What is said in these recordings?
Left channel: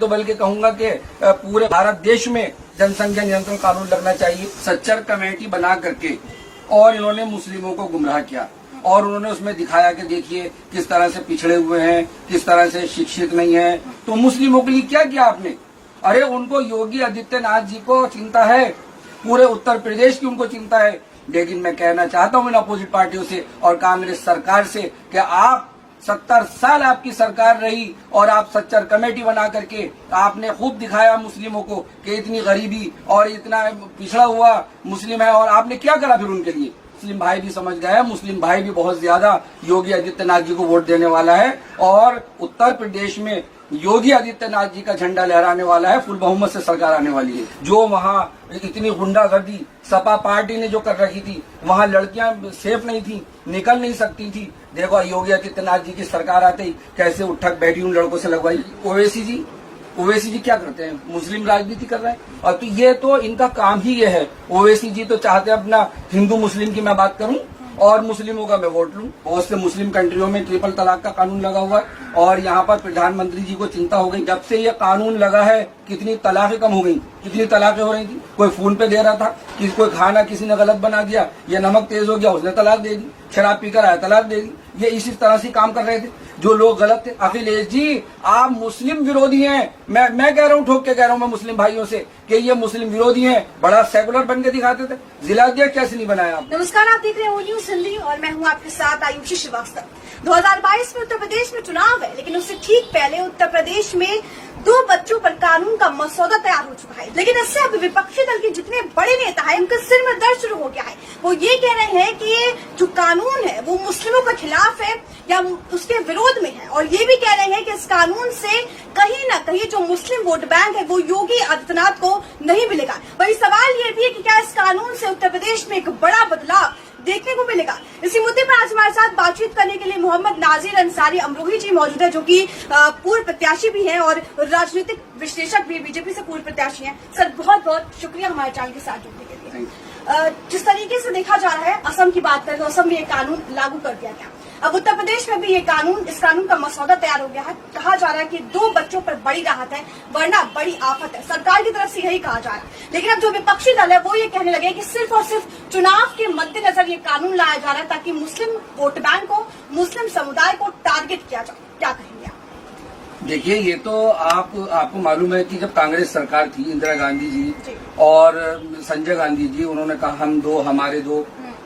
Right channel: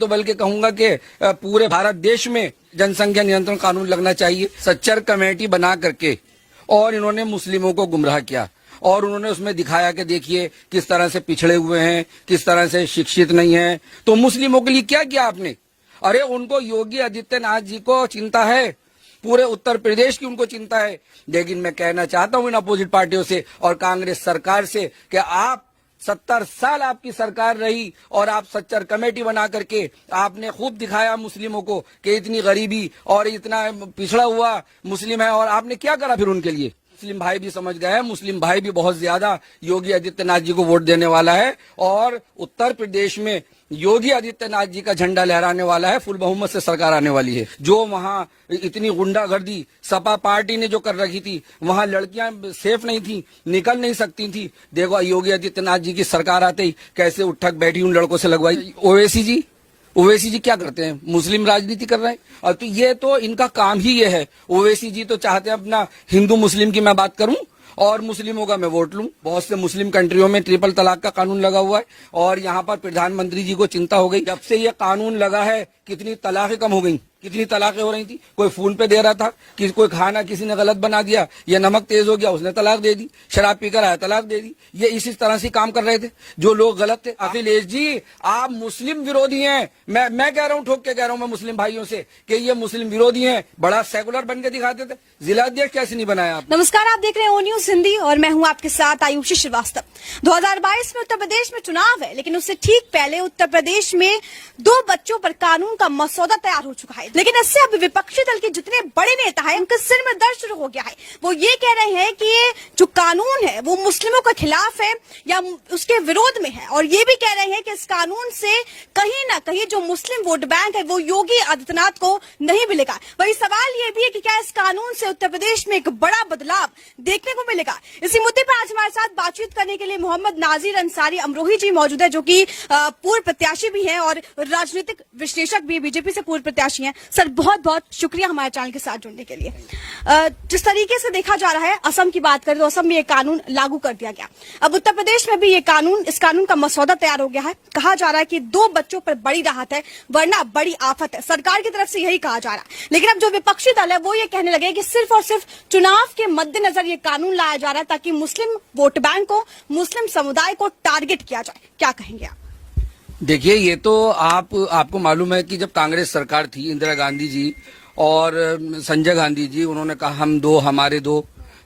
तो बल्कि कहूंगा कि पूरे भारत देश में जनसंख्या नियंत्रण कानून लगना चाहिए। सच्चर कमेटी बना करके और इन्होंने मुस्लिमों को गुमराह किया और उन्होंने उसमें दिखाया कि देखिए किस तरह से पिछड़े हुए हैं, किस तरह से शिक्षित नहीं है। तो मुस्लिमों के लिए क्या किया आपने? अरे उनको योगी आदित्यनाथ जी को चिंता है, पूरे उत्तर प्रदेश की उनको चिंता है। लेकिन मैं कहना चाहता हूं इन अपोजिट पार्टियों से और कांग्रेस सरकार से कि आप 70 साल आपकी सरकार रही और आप सच्चर कमेटी बना करके आपने खूब दिखाया मुस्लिमों को कि इतनी गरीबी और इतना पिछड़ा हुआ मुस्लिम है, और आपने क्या करा फिर उनके लिए? मुस्लिम भाई भी समझ गए, मुस्लिम भाई भी बहुत ज्यादा योगी आदित्यनाथ जी को वोट देने वाला है और उत्तर प्रदेश में योगी आदित्यनाथ जी का झंडा लहराने वाला है। फुल बहुमत से सरकार आने वाली है। जो वहाँ इतनी गुंडागर्दी सपा पार्टी ने जो कर रखी थी, वहाँ लड़कियां सेफ नहीं थी, निकल नहीं सकती थी। देखो योगी आदित्यनाथ जी की सरकार आते ही कैसे उठक बैठी उन लड़कों से लगवाई। ओवैसी जी क्या करते हैं? मुस्लिम राजनीति कर रहे हैं। और तो ये तो इनका काम ही ये है। ओवैसी जी तो चाहते हैं अपना हिंदू मुस्लिम की मैं बात करूं और मुस्लिमों का मैं वोट लूं। बहुत से मुस्लिम कंट्रियों में ट्रिपल तलाक का कानून लगा हुआ है और यहाँ पर प्रधानमंत्री जी को चिंता हो गई। जब से ये कानून लगा है कितनी तलाकें कम हो गई, कितनी तलाकें हो रही थी। कोई फोन पे दे रहा था, कोई खाना किसी ने गलत बना दिया, ये नमक तेज हो गया उसने तलाक दे दी, शराब पीकर आया तलाक दे दी। ये इसी तरह से काम कर रहे थे जो लोग गलत थे। अखिलेश जी आप मुस्लिम विरोधी हैं। मैं कह रहा हूँ, ठोक के कह रहा हूँ मैं मुस्लिम भाइयों से कि ये मुस्लिम विरोधी हैं। बड़ा सेकुलर बन के दिखाते थे। जिलाध्यक्ष कैसे नहीं बनाया? नमस्कार, आप देख रहे हैं ओ न्यूज हिंदी और मैं हूं आपके साथ आयुषी श्रीवास्तव। 2022 में उत्तर प्रदेश में चुनाव है, लेकिन उससे ठीक पहले उत्तर प्रदेश में 2 बच्चों पर कानून का मसौदा तैयार हो चुका है। लेकिन इससे अब विपक्षी दल के जितने बड़े नेता हैं उनके सिर में दर्द शुरू हो गया है। वो ये कह रहे हैं कि जो कानून है वो मुस्लिमों के खिलाफ है या उसके विरोध में है, और ये भी कह रहे हैं कि इस कानून से कहीं ना कहीं जो मुस्लिम वोट बैंक है वो योगी आदित्यनाथ को नहीं मिलेगा। वही सवाल ये भी है कि क्या इस कानून से उत्तर प्रदेश में एक बड़ा बदलाव देखने को मिलेगा। इसी मुद्दे पर आज हमारे साथ बातचीत करने के लिए मोहम्मद नाजिर अंसारी अमरोही जी मौजूद है, जो कि पूर्व प्रत्याशी भी हैं और राजनीतिक विश्लेषक भी, बीजेपी से पूर्व प्रत्याशी हैं। सर बहुत बहुत शुक्रिया हमारे चैनल के साथ जुड़ने के लिए। जिस तरीके से देखा जा रहा है, असम की बात करें तो असम में ये कानून लागू कर दिया गया। अब उत्तर प्रदेश में भी इस कानून का मसौदा तैयार हो गया है। कहा जा रहा है कि 2 बच्चों पर बड़ी राहत है वरना बड़ी आफत है। सरकार की तरफ से यही कहा जा रहा है। लेकिन अब जो विपक्षी दल है वो ये कहने लगे कि सिर्फ और सिर्फ चुनाव के मद्देनजर ये कानून लाया जा रहा है ताकि मुस्लिम वोट बैंक को, मुस्लिम समुदाय को टारगेट किया जाए। क्या कहेंगे आप? देखिए ये तो आपको मालूम है कि जब कांग्रेस सरकार थी, इंदिरा गांधी जी और संजय गांधी जी, उन्होंने कहा हम 2 हमारे 2,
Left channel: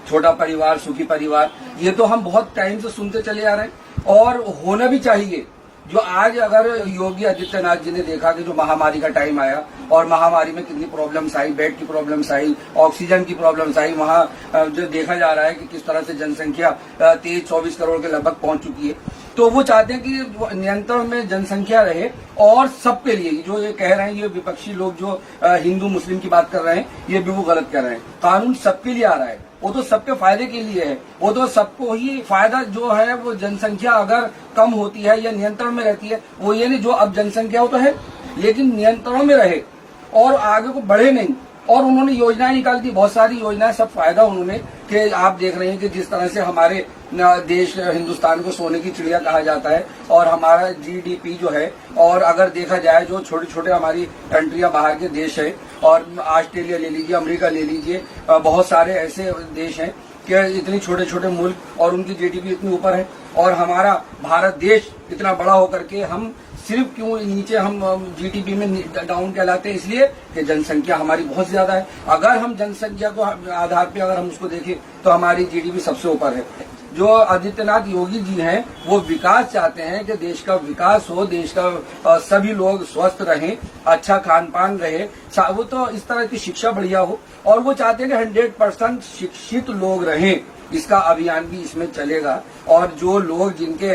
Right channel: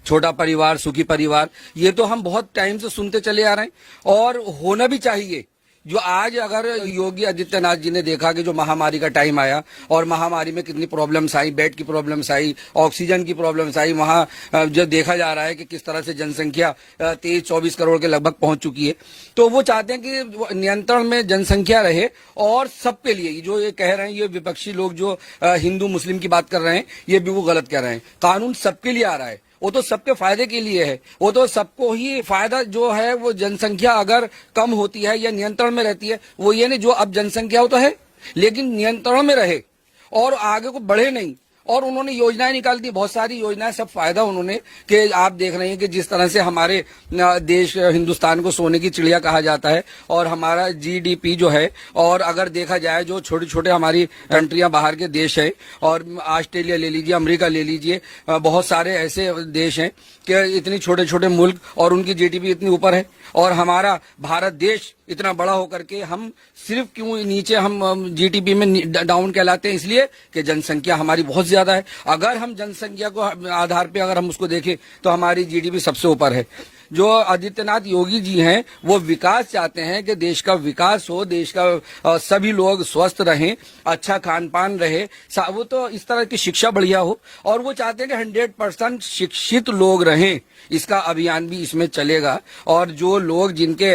छोटा परिवार सुखी परिवार। ये तो हम बहुत टाइम से सुनते चले आ रहे हैं और होना भी चाहिए। जो आज अगर योगी आदित्यनाथ जी ने देखा कि जो महामारी का टाइम आया और महामारी में कितनी प्रॉब्लम्स आई, बेड की प्रॉब्लम्स आई, ऑक्सीजन की प्रॉब्लम्स आई, वहाँ जो देखा जा रहा है कि किस तरह से जनसंख्या 23-24 करोड़ के लगभग पहुंच चुकी है। तो वो चाहते हैं कि नियंत्रण में जनसंख्या रहे और सबके लिए। जो ये कह रहे हैं, ये विपक्षी लोग जो हिंदू मुस्लिम की बात कर रहे हैं, ये बिल्कुल गलत कह रहे हैं। कानून सबके लिए आ रहा है, वो तो सबके फायदे के लिए है। वो तो सबको ही फायदा जो है, वो जनसंख्या अगर कम होती है या नियंत्रण में रहती है, वो ये नहीं जो अब जनसंख्या हो तो है लेकिन नियंत्रण में रहे और आगे को बढ़े नहीं। और उन्होंने योजनाएं निकाल दी, बहुत सारी योजनाएं, सब फायदा उन्होंने कि आप देख रहे हैं कि जिस तरह से हमारे देश हिंदुस्तान को सोने की चिड़िया कहा जाता है और हमारा जीडीपी जो है, और अगर देखा जाए जो छोटे छोटे हमारी कंट्रियां बाहर के देश है, और ऑस्ट्रेलिया ले लीजिए, अमेरिका ले लीजिए, बहुत सारे ऐसे देश हैं कि इतने छोटे छोटे मुल्क और उनकी जीडीपी इतनी ऊपर है, और हमारा भारत देश इतना बड़ा होकर के हम सिर्फ क्यों नीचे हम जीडीपी में डाउन कहलाते हैं? इसलिए कि जनसंख्या हमारी बहुत ज्यादा है। अगर हम जनसंख्या को आधार पे अगर हम उसको देखें तो हमारी जीडीपी सबसे ऊपर है। जो आदित्यनाथ योगी जी हैं वो विकास चाहते हैं कि देश का विकास हो, देश का सभी लोग स्वस्थ रहें, अच्छा खान पान रहे, वो तो इस तरह की शिक्षा बढ़िया हो, और वो चाहते हैं कि 100% शिक्षित लोग रहें। इसका अभियान भी इसमें चलेगा। और जो लोग जिनके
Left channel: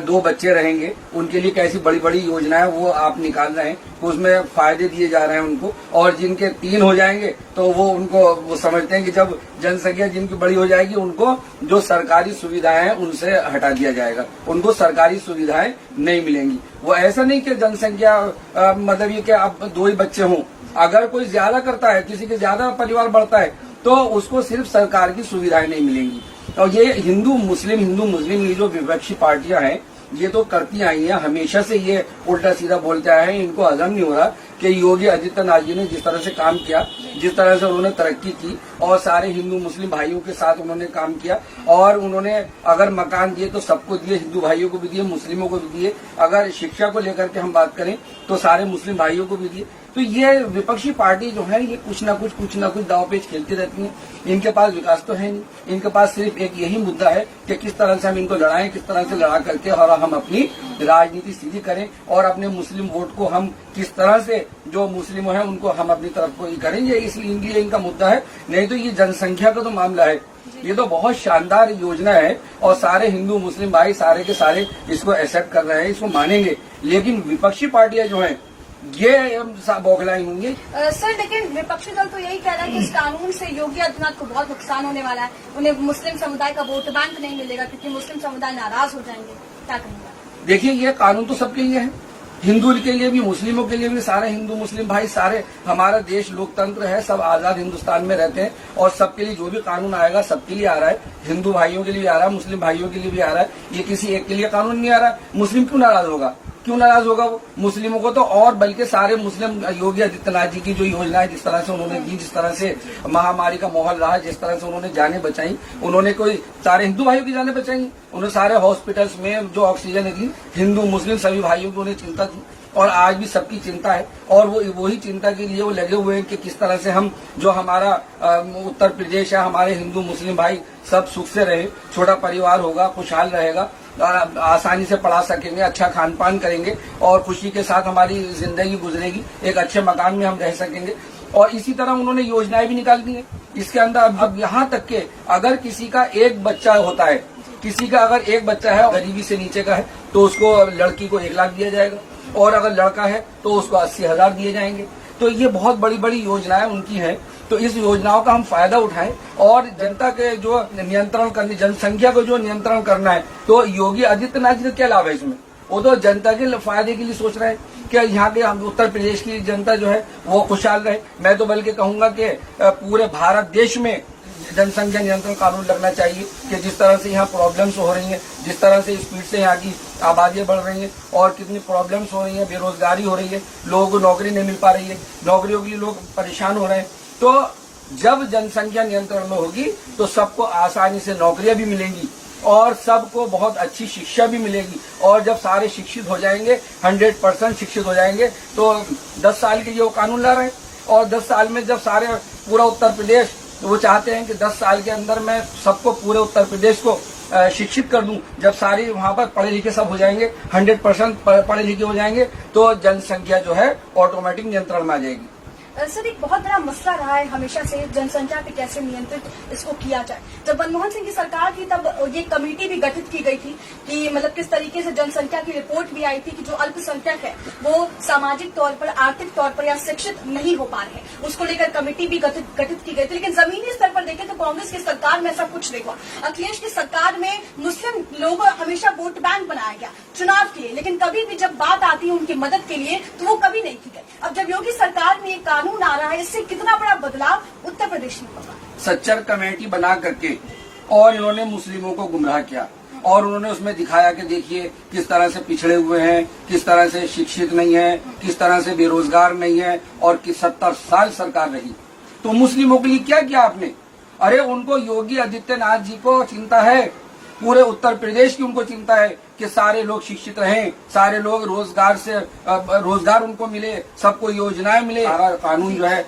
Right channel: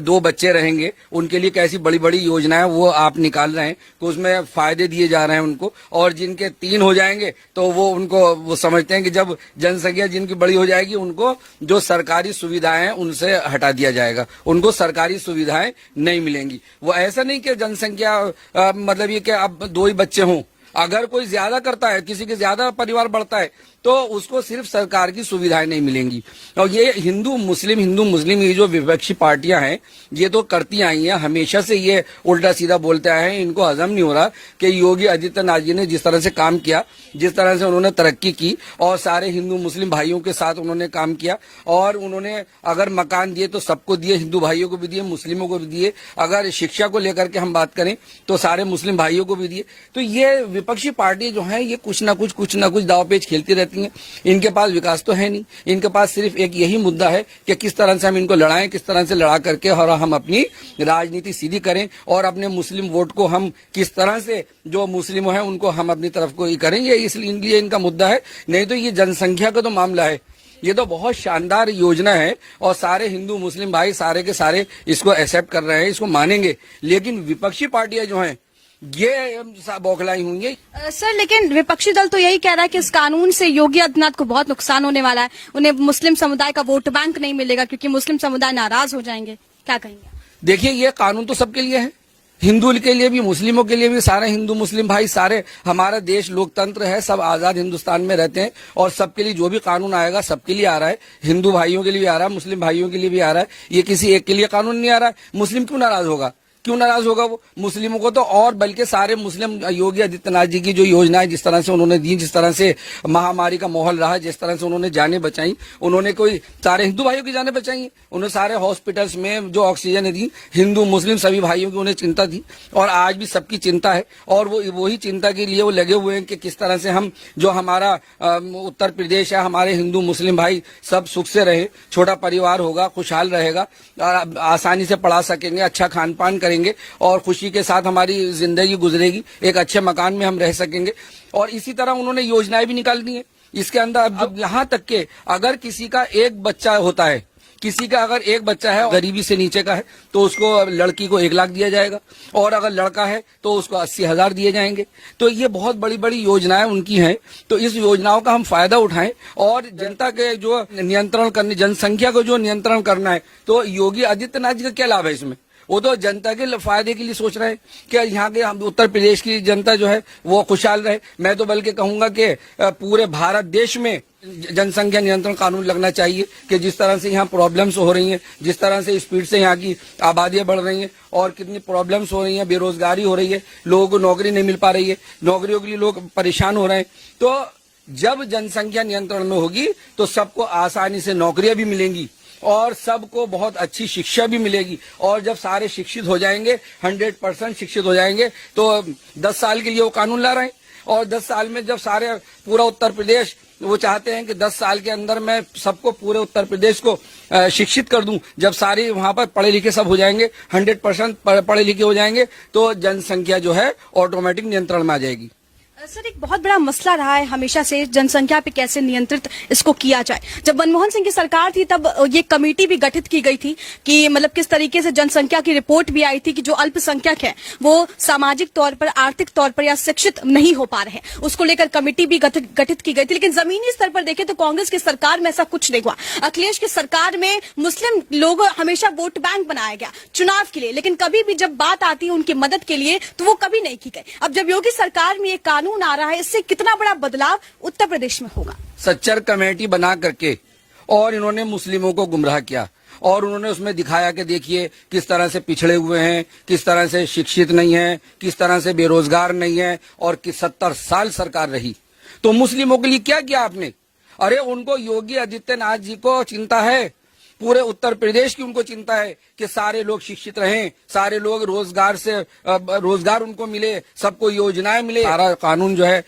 2 बच्चे रहेंगे उनके लिए कैसी बड़ी बड़ी योजनाएं वो आप निकाल रहे हैं, तो उसमें फायदे दिए जा रहे हैं उनको। और जिनके 3 हो जाएंगे तो वो समझते हैं कि जब जनसंख्या जिनकी बड़ी हो जाएगी उनको जो सरकारी सुविधाएं हैं उनसे हटा दिया जाएगा, उनको सरकारी सुविधाएं नहीं मिलेंगी। वो ऐसा नहीं कि जनसंख्या मतलब ये कि अब 2 ही बच्चे हों। अगर कोई ज्यादा करता है, किसी के ज्यादा परिवार बढ़ता है, तो उसको सिर्फ सरकार की सुविधाएं नहीं मिलेंगी। तो ये हिंदू मुस्लिम ये जो विपक्षी पार्टियां हैं ये तो करती आई हैं, हमेशा से ये उल्टा सीधा बोलते आए हैं। इनको हजम नहीं हो रहा कि योगी आदित्यनाथ जी ने जिस तरह से काम किया, जिस तरह से उन्होंने तरक्की की और सारे हिंदू मुस्लिम भाइयों के साथ उन्होंने काम किया और उन्होंने अगर मकान दिए तो सबको दिए, हिंदू भाइयों को भी दिए, मुस्लिमों को भी दिए। अगर शिक्षा को लेकर के हम बात करें तो सारे मुस्लिम भाइयों को भी दिए। तो ये विपक्षी पार्टी जो है ये कुछ ना कुछ दावपेच खेलती रहती है। इनके पास विकास तो है नहीं, इनके पास सिर्फ एक यही मुद्दा है कि किस तरह से हम इनको लड़ाएं, किस तरह से लड़ा करके और हम अपनी राजनीति सीधी करें और अपने मुस्लिम वोट को हम किस तरह से जो मुस्लिम है उनको हम अपनी तरफ को ही करें। ये इसलिए इनका मुद्दा है। नहीं तो ये जनसंख्या का तो मामला है, ये तो बहुत शानदार योजना है और सारे हिंदू मुस्लिम भाई सारे के सारे इसको एक्सेप्ट कर रहे हैं, इसको मानेंगे। लेकिन विपक्षी पार्टियां जो हैं ये बौखलाई होंगी। सर लेकिन विपक्षी दल तो यही कह रहा है कि इस कानून से योगी आदित्यनाथ को बहुत नुकसान होने वाला है, उन्हें मुस्लिम समुदाय का वोट बैंक नहीं मिलेगा क्योंकि मुस्लिम समुदाय नाराज हो जाएंगे। क्या करेंगे? देखिए ये कानून तो सबके लिए है, हिंदू के लिए भी, मुस्लिमों के लिए भी। सारे हिंदू मुस्लिम भाई सारे, हमारा देश लोकतंत्र है, सब आजाद हिंदुस्तान में रहते हैं और सबके लिए जो भी कानून आएगा सबके लिए आ रहा है। हिंदू भाइयों के लिए भी आ रहा है, मुस्लिम भाइयों के लिए भी आ रहा है। ये किसी एक के लिए कानून नहीं आ रहा है। मुस्लिम क्यों नाराज होगा? क्यों नाराज होगा वो? मुस्लिमों को तो और बल्कि सारे मुस्लिम योगी आदित्यनाथ जी की जो योजनाएं जिस तरह से उन्होंने दी, जिस तरह से महामारी का माहौल रहा, जिस तरह से उन्होंने जानें बचाई, उन्होंने कोई सारे हिंदू भाइयों की जानें बचाई। उन्होंने सारे हॉस्पिटल्स में जो ऑक्सीजन दी, हिंदू मुस्लिम सभी भाइयों की उन्हें चिंता थी और आज भी सबकी चिंता है। और वो वही चिंता के लिए वो लगे हुए हैं कि किस तरह से हम जो हमारा उत्तर प्रदेश है, हमारे हिंदू मुस्लिम भाई सब सुख से रहे, छोटा परिवार होगा, खुशहाल रहेगा, आसानी से पढ़ा सकेंगे, अच्छा खान पान करेंगे और खुशी के साथ हमारी जिंदगी गुजरेगी, एक अच्छे मकान में हम रह सकेंगे। और इसी तरह उन्होंने योजनाएं भी निकाल दी हैं इसके अंदर। अब यहाँ तक के अगर किसी का एक बच्चा होता है, किसी का अगर एक बच्चा है गरीबी से नीचे का है तो उसको लड़की को 1 लाख दिया जाएगा और अगर लड़का है तो उसको 80,000 दिए जाएंगे। तो ये बहुत बड़ी बड़ी योजनाएं उनकी हैं। तो इस योजनाओं का हम फायदा उठाएं और जनता के जो नियंत्रण करने, जनसंख्या को जो नियंत्रण करना है, तो योगी आदित्यनाथ जी का क्या लाभ है इसमें? वो तो जनता के फायदे के लिए सोच रहे हैं कि यहाँ के उत्तर प्रदेश की जनता जो है वो खुशहाल रहे। मैं तो बल्कि कहूंगा कि पूरे भारत देश में जनसंख्या नियंत्रण कानून लगना चाहिए कि जिस तरह से यहाँ प्रॉब्लम्स हो रही हैं, जिस तरह से स्पीड से यहाँ की आबादियां बढ़ रही हैं और कितनी प्रॉब्लम्स हो रही हैं, बेरोजगारी हो रही है, लोगों को नौकरी नहीं मिल पा रही है, नौकरियों के लिए लोग परेशान हो रहे हैं। तो जब जनसंख्या नियंत्रण में होगी तो सबको आसानी से नौकरियां भी मिलेंगी और सबको बहुत अच्छी शिक्षा भी मिलेगी। और जब सारे शिक्षित हो जाएंगे, 100% शिक्षित हो जाएंगे, तो 10 साल के लिए वो कानून ला रहे हैं और 10 साल में जब सारे पूरा उत्तर प्रदेश, वो चाहते हैं कि 10 साल के अंदर मैं सबको पूरे उत्तर प्रदेश को शिक्षित कर दूं। जब सारे वहां पर पढ़े लिखे सब हो जाएंगे, 100% पढ़े लिखे हो जाएंगे, तो जनसंख्या जो है ऑटोमेटिक नियंत्रण में आ जाएगी। सर एक बहुत बड़ा मसला रहा है हमेशा से जनसंख्या पे कैसे नियंत्रित इसको किया जाए। जब मनमोहन सिंह की सरकार थी तब ये कमेटी भी गठित की गई थी कि मतलब किस तरीके से जनसंख्या की रिपोर्ट भी आई थी कि जो अल्पसंख्यक है वो सामाजिक तौर पर, आर्थिक तौर पर या शिक्षित नहीं हो पा रहे हैं, उसको लेकर कमेटी भी गठित की गई थी। लेकिन जमीनी स्तर पर देखें तो कांग्रेस की सरकार में ऐसा कुछ नहीं हुआ। अखिलेश की सरकार में मुस्लिम लोग हमेशा वोट बैंक बनाया गया चुनाव के लिए, लेकिन कभी भी जब बात आती है उनकी मदद के लिए तो वो कभी नहीं की गई। अब जब योगी सरकार में एक कानून आ रहा है, इससे कितना बड़ा बदलाव उत्तर प्रदेश में होगा? सच्चर कमेटी बना करके और इन्होंने मुस्लिमों को गुमराह किया और उन्होंने उसमें दिखाया कि देखिए किस तरह से पिछड़े हुए हैं, किस तरह से शिक्षित नहीं है, किस तरह से बेरोजगार नहीं है और कि 70 साल सरकार रही। तो मुस्लिमों के लिए क्या किया आपने? अरे उनको योगी आदित्यनाथ जी को चिंता है, पूरे उत्तर प्रदेश की उनको चिंता है कि सारे लोग शिक्षित रहें, सारे लोग रोजगार उनको मिले, सबको योजनाएं मिले। सारा कानून जो है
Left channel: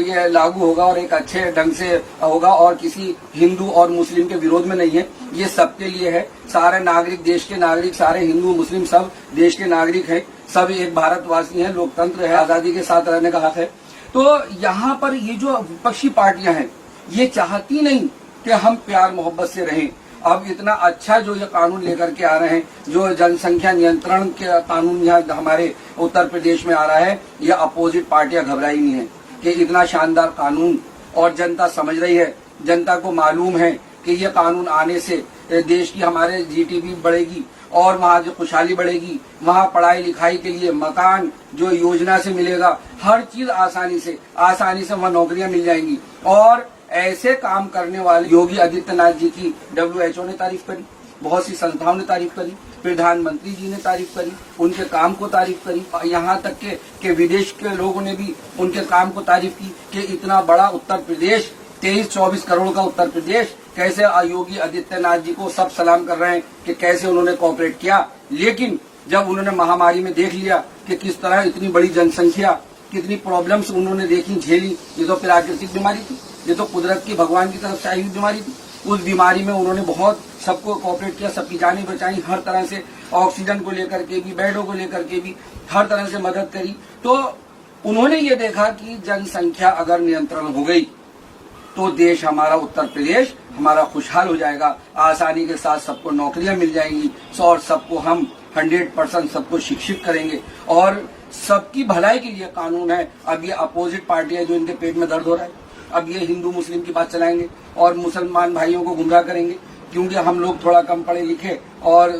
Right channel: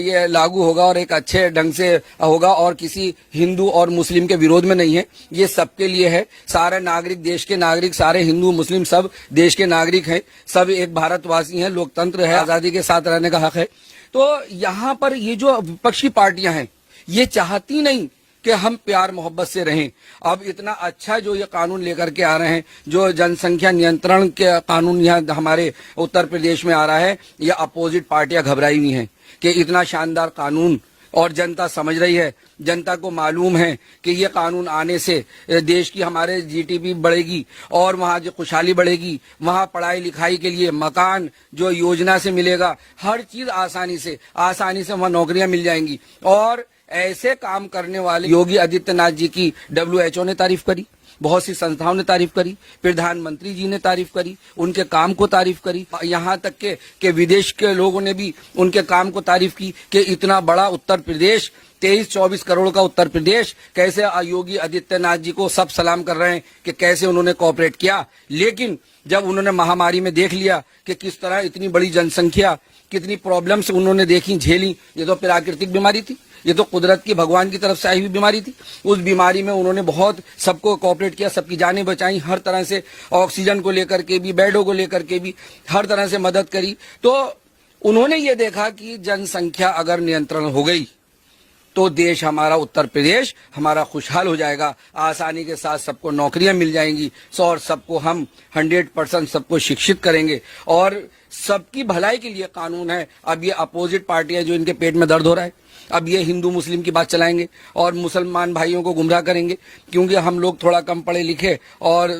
ये लागू होगा और एक अच्छे ढंग से होगा और किसी हिंदू और मुस्लिम के विरोध में नहीं है, ये सबके लिए है। सारे नागरिक, देश के नागरिक, सारे हिंदू मुस्लिम सब देश के नागरिक हैं, सब एक भारतवासी हैं, लोकतंत्र है, आजादी के साथ रहने का हक है। तो यहाँ पर ये जो विपक्षी पार्टियां हैं ये चाहती नहीं कि हम प्यार मोहब्बत से रहें। अब इतना अच्छा जो ये कानून लेकर के आ रहे हैं, जो जनसंख्या नियंत्रण के कानून यहाँ हमारे उत्तर प्रदेश में आ रहा है, ये अपोजिट पार्टियां घबराई नहीं है कि इतना शानदार कानून, और जनता समझ रही है, जनता को मालूम है कि ये कानून आने से देश की हमारे जीडीपी बढ़ेगी और वहाँ जो खुशहाली बढ़ेगी, वहाँ पढ़ाई लिखाई के लिए मकान जो योजना से मिलेगा, हर चीज आसानी से वहाँ नौकरियां मिल जाएंगी। और ऐसे काम करने वाले योगी आदित्यनाथ जी की WHO ने तारीफ करी, बहुत सी संस्थाओं ने तारीफ करी, प्रधानमंत्री जी ने तारीफ करी, उनके काम को तारीफ करी, यहाँ तक के विदेश के लोगों ने भी उनके काम को तारीफ की कि इतना बड़ा उत्तर प्रदेश, 23-24 करोड़ का उत्तर प्रदेश, कैसे योगी आदित्यनाथ जी को सब सलाम कर रहे हैं कि कैसे उन्होंने कोऑपरेट किया। लेकिन जब उन्होंने महामारी में देख लिया कि किस तरह इतनी बड़ी जनसंख्या, कितनी प्रॉब्लम्स उन्होंने देखी, झेली, ये तो प्राकृतिक बीमारी थी, ये तो कुदरत की, भगवान की तरफ से आई हुई बीमारी थी। उस बीमारी में उन्होंने बहुत सबको कोऑपरेट किया, सबकी जानें बचाई, हर तरह से ऑक्सीजन को लेकर के भी, बेडों को लेकर के भी हर तरह से मदद करी। तो उन्होंने ये देखा कि जनसंख्या अगर नियंत्रण हो गई तो देश हमारा, उत्तर प्रदेश हमारा खुशहाल हो जाएगा, आसानी के साथ सबको नौकरियां मिल जाएंगी और सबको हम 100% सबको शिक्षित करेंगे और सबकी भलाई के लिए कानून है। अब ये अपोजिट पार्टियां जो इनके पेट में दर्द हो रहा है, अब ये हिंदू मुस्लिम की बात चलाएंगे और मुसलमान भाइयों को गुमराह करेंगे, क्योंकि हम लोग थोड़ा कम पढ़े लिखे और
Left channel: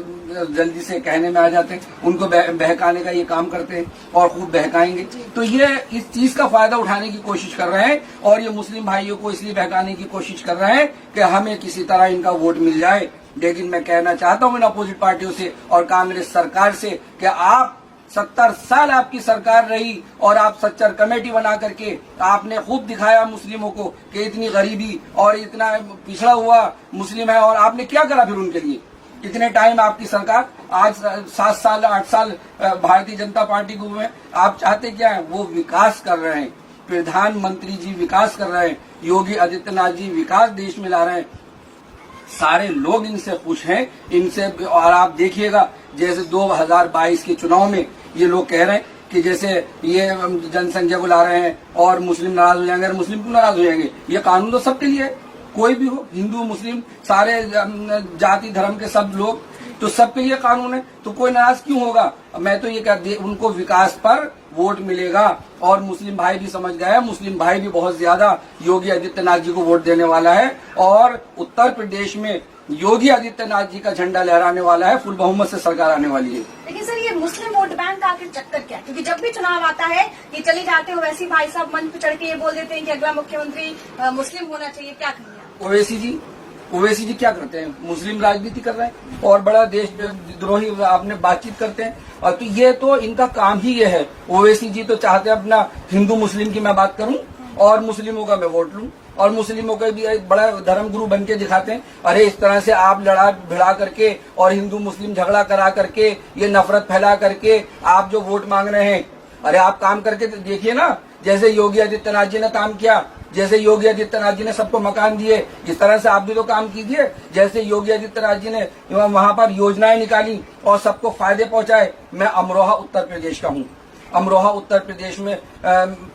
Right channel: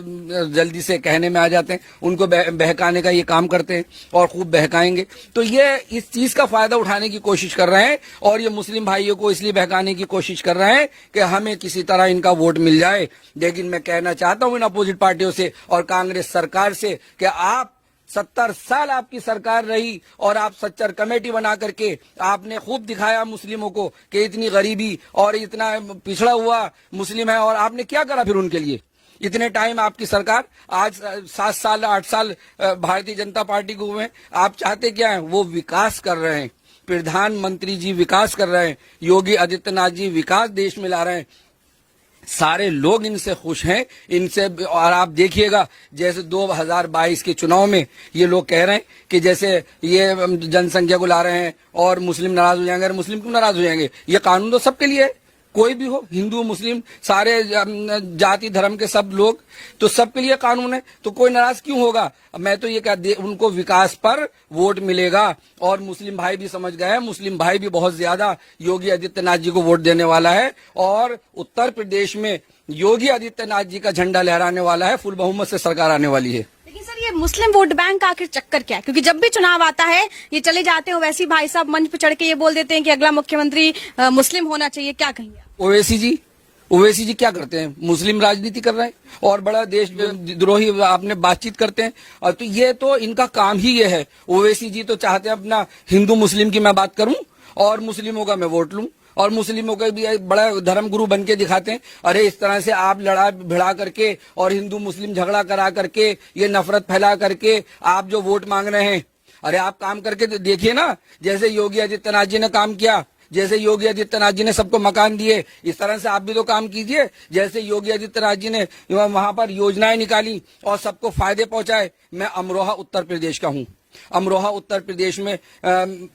जल्दी से कहने में आ जाते हैं, उनको बहकाने का ये काम करते हैं और खूब बहकाएंगे। तो ये इस चीज का फायदा उठाने की कोशिश कर रहे हैं और ये मुस्लिम भाइयों को इसलिए बहकाने की कोशिश कर रहे हैं कि हमें किसी तरह इनका वोट मिल जाए। लेकिन मैं कहना चाहता हूं इन अपोजिट पार्टियों से और कांग्रेस सरकार से कि आप 70 साल आपकी सरकार रही और आप सच्चर कमेटी बना करके आपने खूब दिखाया मुस्लिमों को कि इतनी गरीबी और इतना पिछड़ा हुआ मुस्लिम है, और आपने क्या करा फिर उनके लिए? इतने टाइम आपकी सरकार, आज 7 साल 8 साल भारतीय जनता पार्टी को हुए, आप चाहते क्या है? वो विकास कर रहे हैं, प्रधानमंत्री जी विकास कर रहे हैं, योगी आदित्यनाथ जी विकास देश में ला रहे हैं, सारे लोग इनसे खुश हैं, इनसे। और आप देखिएगा जैसे 2022 के चुनाव में ये लोग कह रहे हैं कि जैसे ये जनसंख्या को ला रहे हैं और मुस्लिम नाराज हो जाएंगे। मुस्लिम क्यों नाराज हो जाएंगे? ये कानून तो सबके लिए है, कोई भी हो, हिंदू मुस्लिम सारे जाति धर्म के सब लोग, तो सबके लिए कानून है, तो कोई नाराज क्यों होगा? मैं तो ये कहती, उनको विकास पर वोट मिलेगा और मुस्लिम भाई भी समझ गए, मुस्लिम भाई भी बहुत ज्यादा योगी आदित्यनाथ जी को वोट देने वाला है और उत्तर प्रदेश में योगी आदित्यनाथ जी का झंडा लहराने वाला है, फुल बहुमत से सरकार आने वाली है। लेकिन सर, ये मुस्लिम वोट बैंक का आखिर चक्कर क्या है? क्योंकि जब भी चुनाव आता है ये चले जाते हैं वैसे ही भाई साहब मंच पर चढ़ के ये बोल देते हैं कि अगला मुख्यमंत्री मुस्लिम होना चाहिए। क्या कहेंगे? ओवैसी जी क्या करते हैं? मुस्लिम राजनीति कर रहे हैं और बड़ा देश द्रोही आपने बातचीत करते हैं, और तो ये तो इनका काम ही ये है। ओवैसी जी तो चाहते हैं अपना हिंदू मुस्लिम की मैं बात करूं और मुस्लिमों का मैं वोट लूं, और मुस्लिमों के भी एक बड़ा धर्म गुरु बन के दिखाते हैं। अरे इस तरह से आप लड़ा भिड़ा करके और हिंदू मुस्लिम झगड़ा करा करके, ये नफरत फैला करके आप जो वोट मांग रहे हैं, अरे आप काम करके तो देखिए ना। जैसे योगी आदित्यनाथ जी ने काम किया, जैसे योगी आदित्यनाथ जी ने सबको मकान दिए, इस तरह से आप भी तो काम कीजिए। जैसे योगी आदित्यनाथ जी ने वहां पर योजनाएं निकाली और सबको फायदे पहुंचाए। मैं अमरोहा उत्तर प्रदेश का हूँ, अमरोहा उत्तर प्रदेश में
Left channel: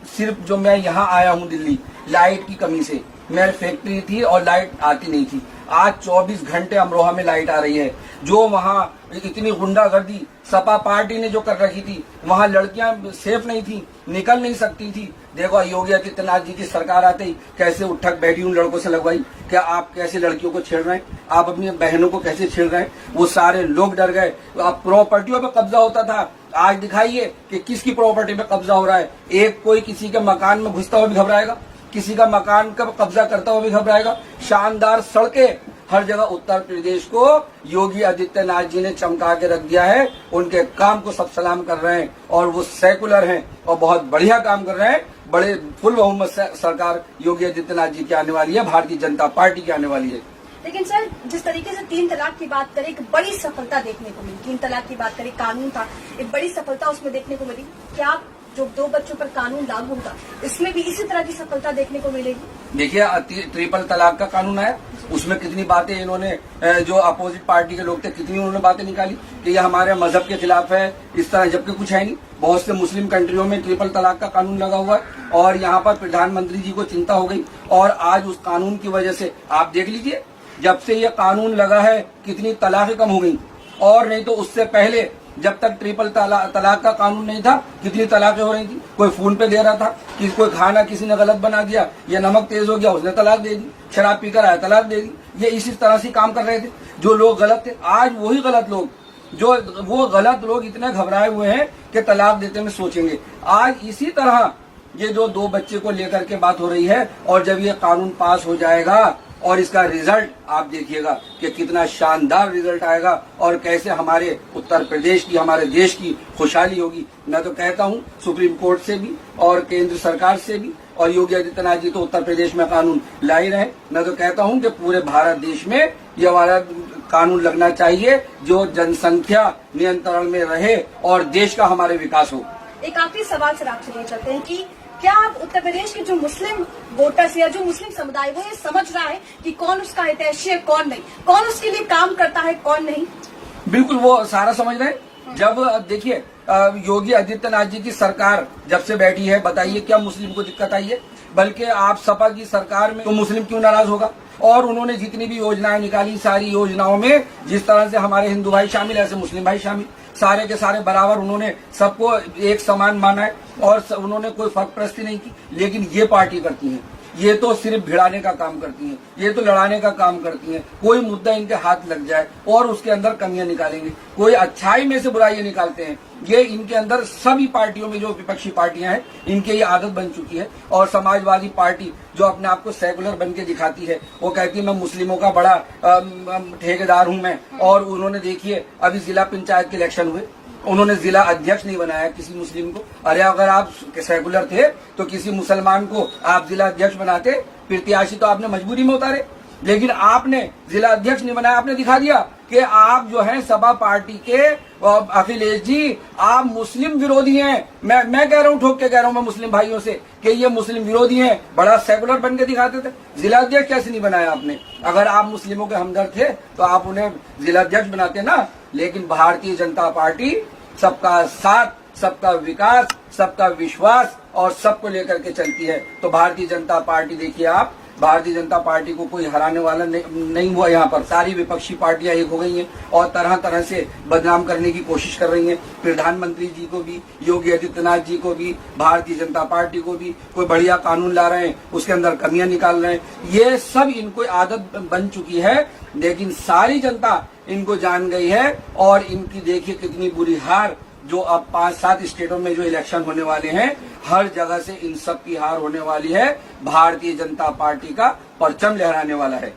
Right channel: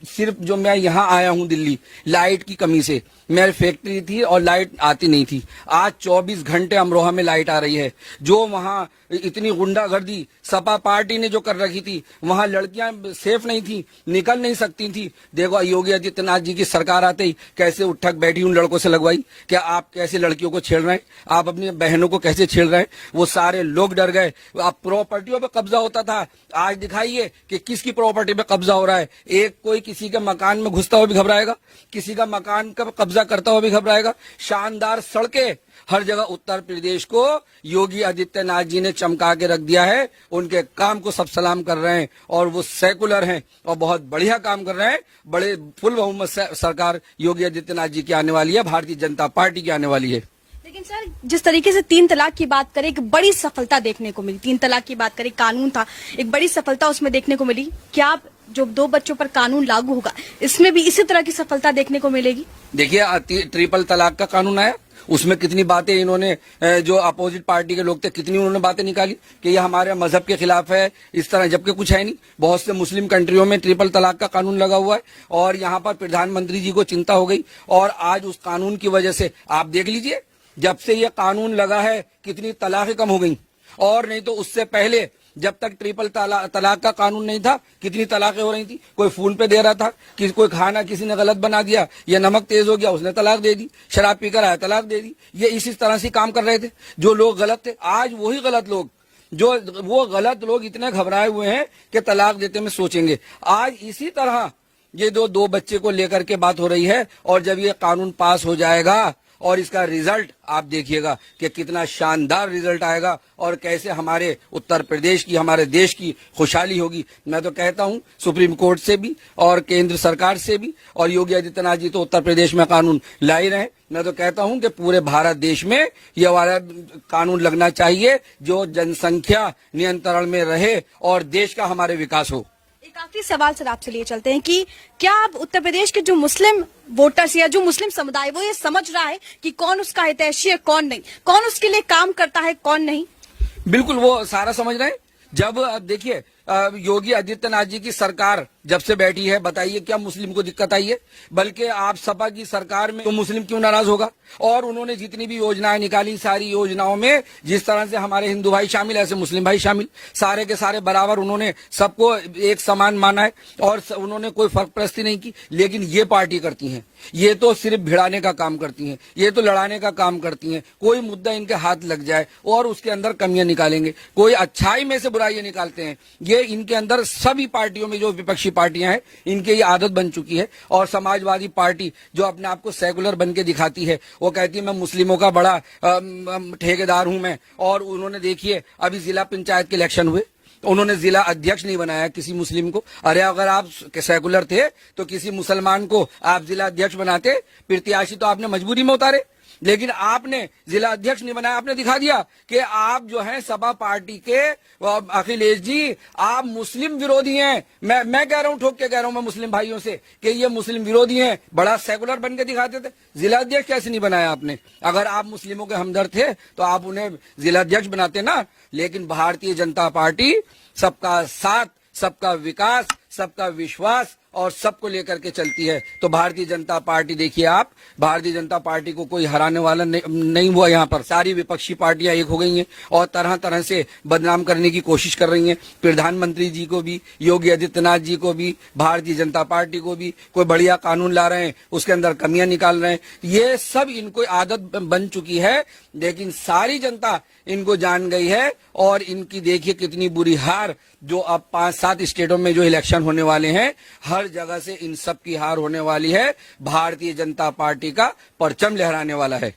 सिर्फ जो मैं यहाँ आया हूँ दिल्ली, लाइट की कमी से, मेरी फैक्ट्री थी और लाइट आती नहीं थी। आज 24 घंटे अमरोहा में लाइट आ रही है। जो वहाँ इतनी गुंडागर्दी सपा पार्टी ने जो कर रखी थी, वहाँ लड़कियां सेफ नहीं थी, निकल नहीं सकती थी। देखो योगी आदित्यनाथ जी की सरकार आते ही कैसे उठक बैठी उन लड़कों से लगवाई। क्या आप कैसे लड़कियों को छेड़ रहे हैं? आप अपनी बहनों को कैसे छेड़ रहे हैं? वो सारे लोग डर गए। आप प्रॉपर्टियों पे कब्जा होता था, आज दिखाइए कि किसकी प्रॉपर्टी पे कब्जा हो रहा है। एक कोई किसी के मकान में घुसता हुआ भी घबराएगा, किसी का मकान का कब्जा करता हुआ भी घबराएगा। शानदार सड़कें हर जगह उत्तर प्रदेश को योगी आदित्यनाथ जी ने चमका के रख दिया है। उनके काम को सब सलाम कर रहे हैं और वो सेकुलर हैं और बहुत बढ़िया काम कर रहे हैं। बड़े फुल बहुमत से सरकार योगी आदित्यनाथ जी की आने वाली है, भारतीय जनता पार्टी की आने वाली है। लेकिन सर, जिस तरीके से 3 तलाक की बात करें, एक बड़ी सफलता देखने को मिली। 3 तलाक की बात करें, कानून था, एक बड़ी सफलता उसमें देखने को मिली। क्या जो 2 बच्चों पर कानून लागू होगा, इसमें भी इसी तरह की सफलता देखने को मिलेगी? देखिए, ट्रिपल तलाक का कानून आया, उसमें कितनी बातें इन्होंने, जो अपोजिट पार्टी के लोग थे, कितनी उन्होंने बातें निकाली कि ये हमारे मजहब के खिलाफ है, इस तरह, जबकि कुछ है नहीं। बहुत से मुस्लिम कंट्रियों में ट्रिपल तलाक का कानून लगा हुआ है और यहाँ पर प्रधानमंत्री जी को चिंता हो गई और आज उस कानून की वजह से आप देख लीजिए, जब से ये कानून लगा है कितनी तलाकें कम हो गई। और नहीं तो उससे पहले जब तक ट्रिपल तलाक का कानून नहीं था, कितनी तलाकें हो रही थी। कोई फोन पे दे रहा था कि कोई खाना किसी ने गलत बना दिया या नमक तेज हो गया, उसने तलाक दे दी, शराब पीकर आया तलाक दे दी। ये इसी तरह से काम कर रहे थे जो लोग गलत थे। आज वही गलत लोग, जो वो गलत लोग इतने घबराए हुए हैं कि तलाक देते में सोचेंगे। आज इसी तरह ये जो 2 बच्चे को लेकर के बात हो रही है और जब ये कानून पास हो जाएगा और इसका रिजल्ट आप देखिएगा कि कितना शानदार रिजल्ट आएगा और कैसे हमारे उत्तर प्रदेश की, हमारे देश की खुशहाली होगी। मैं तो कहता हूं सुप्रीम कोर्ट से भी और केंद्र सरकार से भी, और योगी आदित्यनाथ जी तो उत्तर प्रदेश में कानून ला ही रहे। मैं तो कहता हूं कि पूरे भारत देश में ये हमारा कानून लगना चाहिए जो जनसंख्या नियंत्रण में रहे और देश का हमारे विकास हो। एक आखिरी सवाल सर आपसे लिए चलते हैं कि क्या आप उत्तर प्रदेश के जो मुस्लिम वोटर्स या जो मुस्लिम समुदाय वो ये समझ रहा है कि कौन उसका हितैषी है कौन नहीं, कौन उसके लिए काम करता है कौन नहीं? बिल्कुल वो सारा समझ रहे हैं। जब देखिए योगी आदित्यनाथ जी की सरकार जब से बैठी है, बताइए क्या मुस्लिम को दिक्कत आई है? बल्कि आप सपा की सरकार में तो मुस्लिम क्यों नाराज होगा? और उन्होंने जितनी भी योजनाएं निकाली, सारी योजनाओं में जिस तरह से हमारे हिंदू भाई शामिल, ऐसे मुस्लिम भाई शामिल, सारे के सारे बराबर उन्होंने सबको एक समान माना है और उन्होंने कोई फर्क परस्ती नहीं की। लेकिन ये पार्टी करती है, ये तो सिर्फ भिड़ाने का काम करती है, ये तो लड़ाने का काम करती है। कोई मुद्दा इनके हाथ लग जाए और उसके अंदर कमियां निकालेंगे, कोई अच्छाई में से बुराइयां निकालते हैं। ये इनके अंदर सभी पार्टियों में जो विपक्षी पार्टियां हैं इनकी ये आदत बन चुकी है। और समाजवादी पार्टी जो अपने आप को सेकुलर बन के दिखाती है, वो कहती है मैं मुस्लिमों का बड़ा ठेकेदार हूं मैं। और उन्होंने देखिए अभी जिला पंचायत के इलेक्शन हुए, उन्होंने जिला अध्यक्ष नहीं बनाया किसी मुस्लिम को। अरे अगर आप सेकुलर थे तो किसी मुसलमान को आप जिला अध्यक्ष बनाते, प्रत्याशी तो आपने मजबूरी में उतारे। लेकिन आपने जिला अध्यक्ष नहीं बनाया, आपने दिखा दिया कि आप जो है सपा पार्टी के अखिलेश जी आप मुस्लिम विरोधी हैं। मैं कह रहा हूँ, ठोक के कह रहा हूँ मैं मुस्लिम भाइयों से कि ये मुस्लिम विरोधी हैं। बड़ा सेकुलर बन के दिखाते थे। जिला अध्यक्ष कैसे नहीं बनाया आपने? अगर आप मुस्लिमों के हमदर्द थे तो आप उन्हें जिला अध्यक्ष बनाते ना। लेकिन भारतीय जनता पार्टी सबका साथ, सबका विकास, सबका विश्वास और सबको लेकर के चलती है। तो भारतीय जनता पार्टी देखिए आप, भारतीय जनता पार्टी को कोई हराने वाला नहीं हुआ। यहाँ पर सारी विपक्षी पार्टियां एक हो गई हैं और तरह तरह से बदनाम करने की कोशिश कर रही हैं। प्रधानमंत्री जी को भी, योगी आदित्यनाथ जी को भी, भारतीय जनता पार्टी को भी। कोई बढ़िया कानून ला रहे हैं, उसके अंदर कमियां निकाल रहे हैं। ये सब इनको आदत बन चुकी है। लेकिन सारी जनता इनको जान गई है और इनकी देखिए कितनी बुरी हार। जो अब 5-7 स्टेटों में जो इलेक्शन होने वाले हैं, हर जगह से इन सब की हार होने वाली है। भारतीय जनता पार्टी का परचम लहराने वाला है।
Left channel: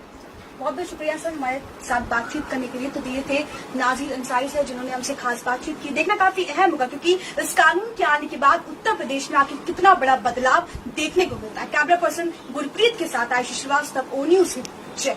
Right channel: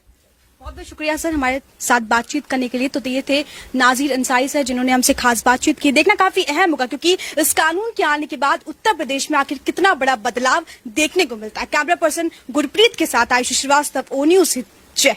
बहुत बहुत शुक्रिया सर हमारे साथ बातचीत करने के लिए। तो ये थे नाजिर अंसारी सर जिन्होंने हमसे खास बातचीत की। देखना काफी अहम होगा क्योंकि इस कानून के आने के बाद उत्तर प्रदेश में आखिर कितना बड़ा बदलाव देखने को मिलता है। कैमरा पर्सन गुरप्रीत के साथ आयुषी श्रीवास्तव, ओ न्यूज़। जय।